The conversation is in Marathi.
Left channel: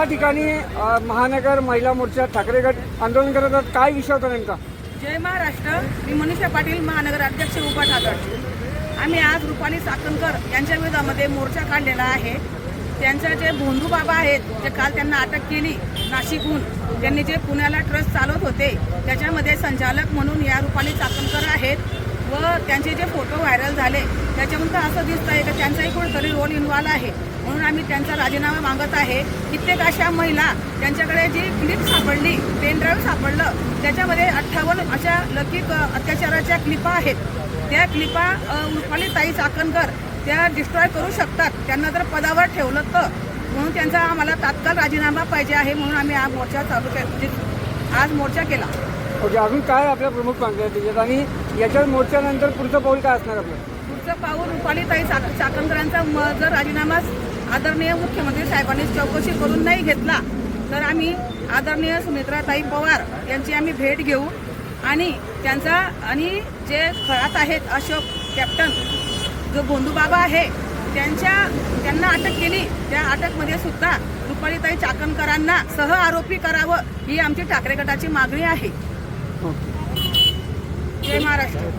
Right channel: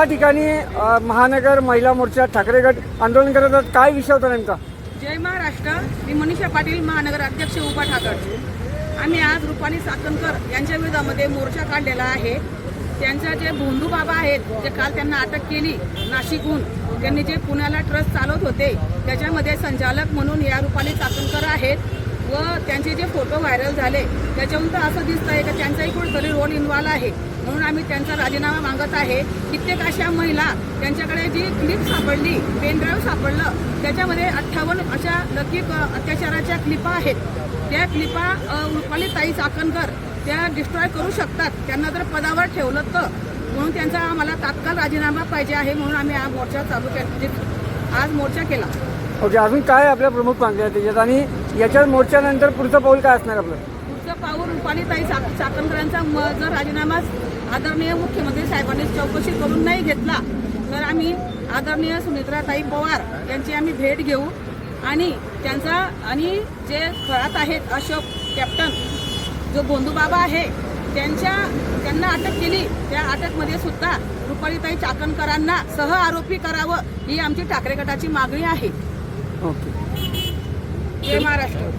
या ठिकाणी महानगर महिला मोर्चा ठाकरे गट आंदोलन करत आहेत. काय विषय होता नेमका? जय महाराष्ट्र. मी मनीषा पाटील, महानगर अध्यक्ष उभा ठाकरे. आम्ही आज रुपाली चाकणकर यांच्या विरोधामध्ये मोर्चा काढलेला आहे. त्यांच्या जे भोंदू बाबा आहेत, जे काल त्यांना अटक केली नाशिकहून, त्यांनी जे पुण्याला ट्रस्ट चालवत होते त्याच्यामध्ये संचालक म्हणून या रुपाली चाकणकर आहेत व त्यांचे जे फोटो व्हायरल झाले त्याच्याहून तर असं दिसत आहे की त्यांचाही कुठेतरी रोल इन्व्हॉल्व आहे. म्हणून आम्ही त्यांचा राजीनामा मागत आहे. कित्येक अशा महिला, त्यांच्याकडे जी क्लिप सापडली, पेन ड्राईव्ह सापडलं, त्याच्यामध्ये 58 अशा लैंगिक अत्याचाराच्या क्लिपा आहेत. त्या क्लिपा रुपालीताई चाकणकर त्या डिस्ट्रॉय करू शकतात, त्यांना जर पदावर ठेवलं तर. म्हणून त्यांचा आम्हाला तात्काळ राजीनामा पाहिजे आहे. म्हणून आम्ही हा मोर्चा आज मोर्चा केला. म्हणजे अजून काय आपल्या प्रमुख मागण्या आहेत त्याच्यात, आणि याच्या मोर्चानंतर पुढचं पाऊल काय असणार आपलं? पुढचं पाऊल रुपालीताई चाकणकरांचा जर राजीनामा आदरणीय मुख्यमंत्री साहेबांनी चौकशी करून नाही घेतला तर आम्ही आदरणीय सुमित्राताई पवार यांची आम्ही भेट घेऊ आणि त्यांचा आणि जे खळात आहेत अशोक कॅप्टन जो भोंदू बाबा आहे त्यांना अटक केली, त्या अटकमध्ये सुद्धा रुपालीताई चाकणकरांना सह आरोपी करावं ही आमची ठाकरे गटाची मागणी आहे. ओके. जय महाराष्ट्र.